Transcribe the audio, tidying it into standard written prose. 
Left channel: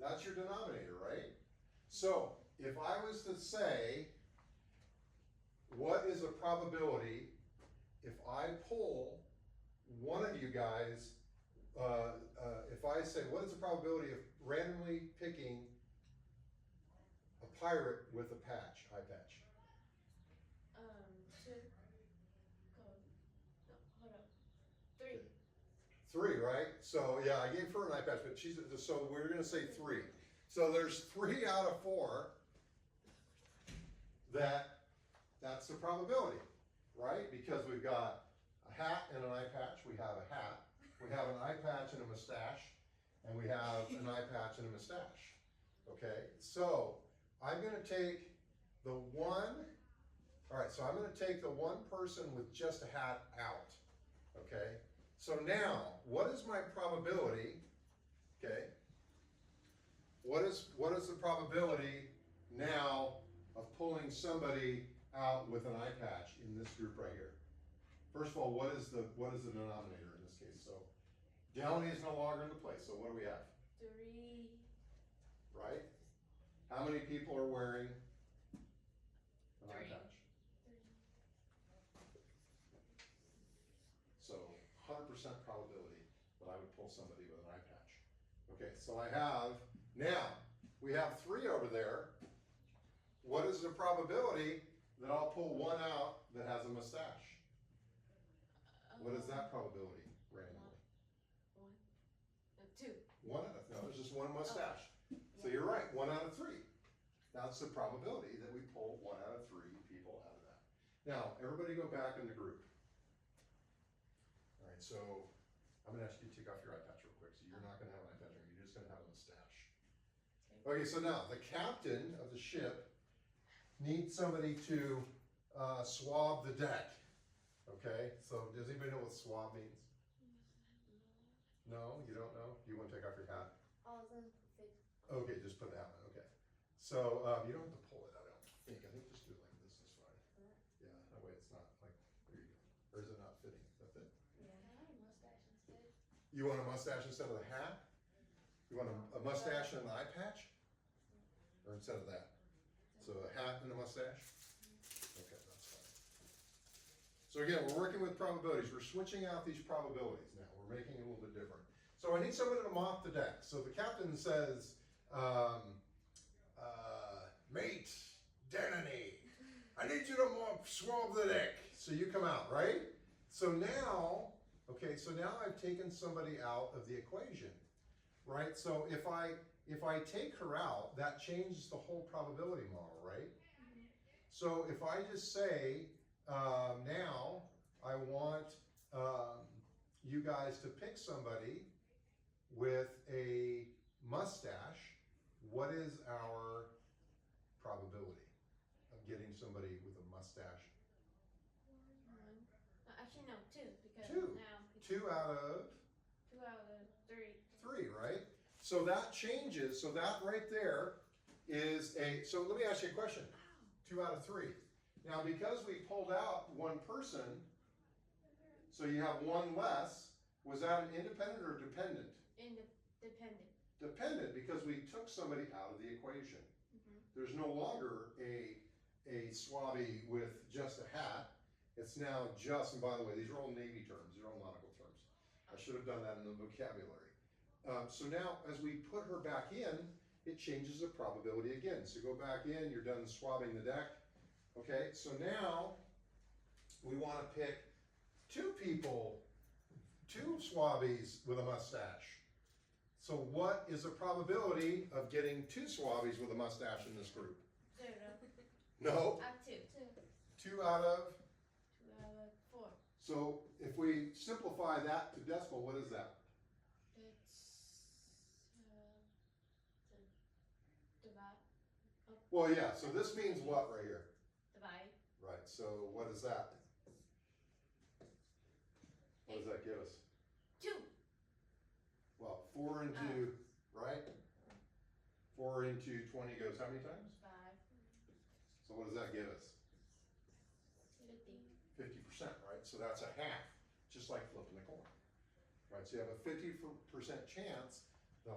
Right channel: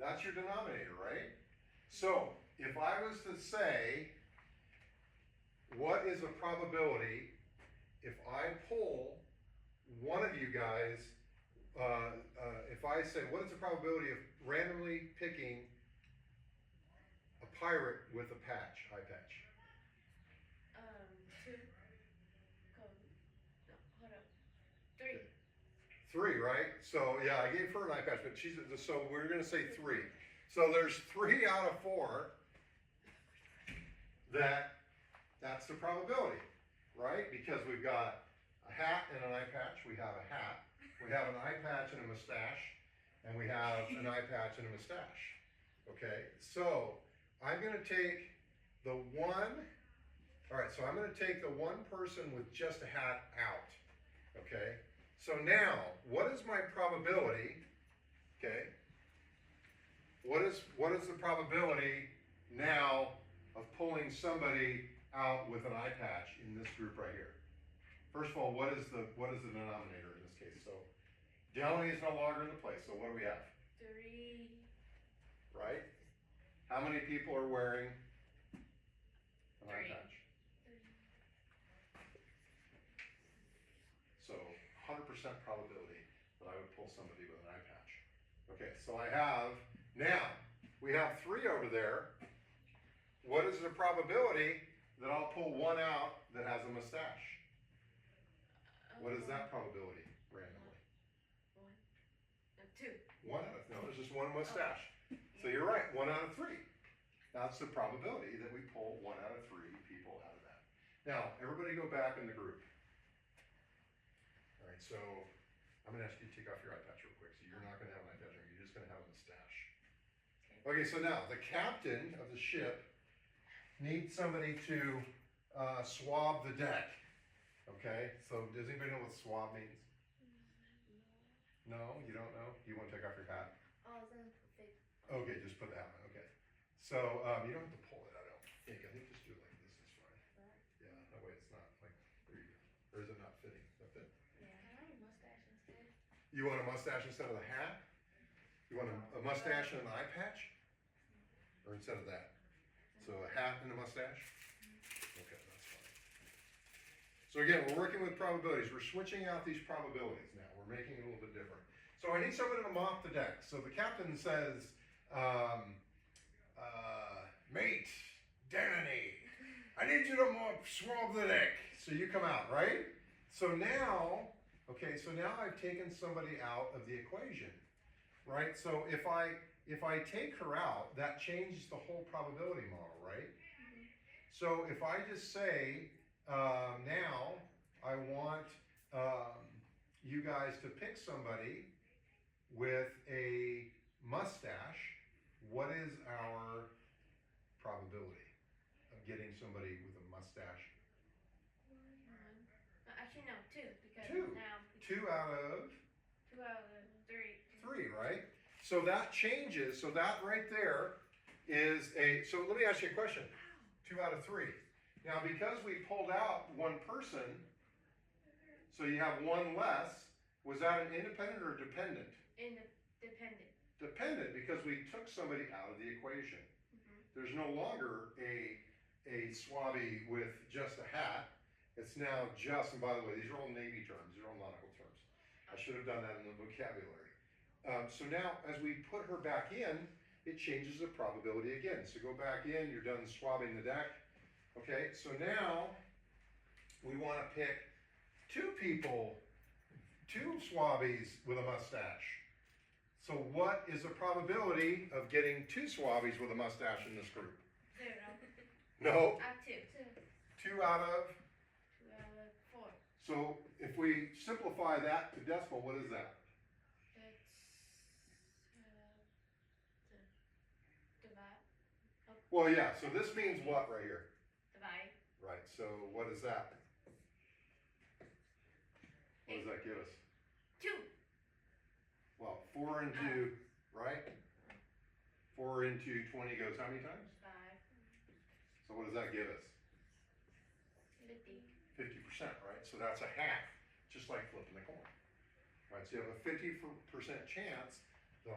That's your denominator, right? So if I was to say, what is a probability if I pull one of you guys, if I say, what is the probability of randomly picking a pirate with a patch, eye patch? 2. Go. No, hold on. 3. 3, right? So yeah, I gave her an eye patch, but she's, so we're gonna say 3. So there's 3 out of 4 that's the probability, right? Because we've got a hat and an eye patch, we have a hat, we have an eye patch and a mustache, and we have an eye patch and a mustache, okay? So I'm gonna take the one, all right, so I'm gonna take the one person with just a hat out, okay? So now, what is my probability, okay? What is the probability now of pulling somebody out with an eye patch in this group right here? First of all, what is the denominator in this case? So Delany is no longer in the place, so what do we have? 3. Right? How many people are wearing an eye 3. patch? So 100% probability that I would pull somebody with an eye patch. Okay, so I have, now, we have 3 over there. What is the probability that I'll pull one out that has a mustache? What is that probability randomly? 1. 2. 1 out of, no, there's just one mustache. So you're right, 1 out of 3. That's the probability that we pull 1 out of 3 people out of that. Now, everybody go back in the group. All right, so I'm gonna ask you to take off your eye patch real quick. So you're not gonna have an eye patch, you're just gonna have a mustache. Okay, so now the captain of the ship needs somebody to swab the deck. Okay, so does anybody know what swab means? No, you don't know? You want to take off your hat? Oh, then perfect. Okay, just put the hat on. Okay, so you don't have to pull it. I don't think. I think just do it like this is fine. Yeah, that way it's not like there you go. Or is it not fitting? Is that fit? Yeah. I like a mustache instead. You want a mustache instead of the hat? You want a mustache and an eye patch? Or instead of that? So a hat and a mustache? Okay, that's fine. So again, we're working with probabilities. We're switching out these probabilities now. We're making it a little bit different. So I need somebody to mop the deck. So the captain says, mate, Danny, I need you to swab the deck. So you come out, right? So now, okay, so now I've taken somebody out of the equation, right? So if I take her out, that changes the whole probability model, right? So if I just say, now I want you guys to pick somebody with a mustache, what is our probability of getting somebody with a mustache? 1. No, actually, no, 2. Because 2. now 2 out of 2 out of 3. 3, right? So that changes. So that right there is a. So let me ask you a question. 2 out of 3. Now, because we pulled out one person, so you have one less. Was that an independent or dependent? Dependent. Dependent, because we took somebody out of the equation. There's no longer a swabby with just a hat. It's now just, and by the way, these are all Navy terms, these are all nautical terms. I should have done that in the vocabulary. So now, as we put her back in, it changes the probability again. So go back in, you're done swabbing the deck. Okay, so now we want to pick 2 people, 2 swabbies with a mustache. So what is the probability of getting 2 swabbies with a mustache in this group? 0. No. 2. 2 out of? 2 out of 4. So if we simplify that to decimal, what is that? It's divide. Oh, Well, yeah, so this means what right here? divide. Right, so what is that? What does that give us? 2. Well, 4 into, right? 4 into 20 goes how many times? 5. So what does that give us? 50. 50%, right? So that's a half, just like flipping a coin. Right, so you have a 50% chance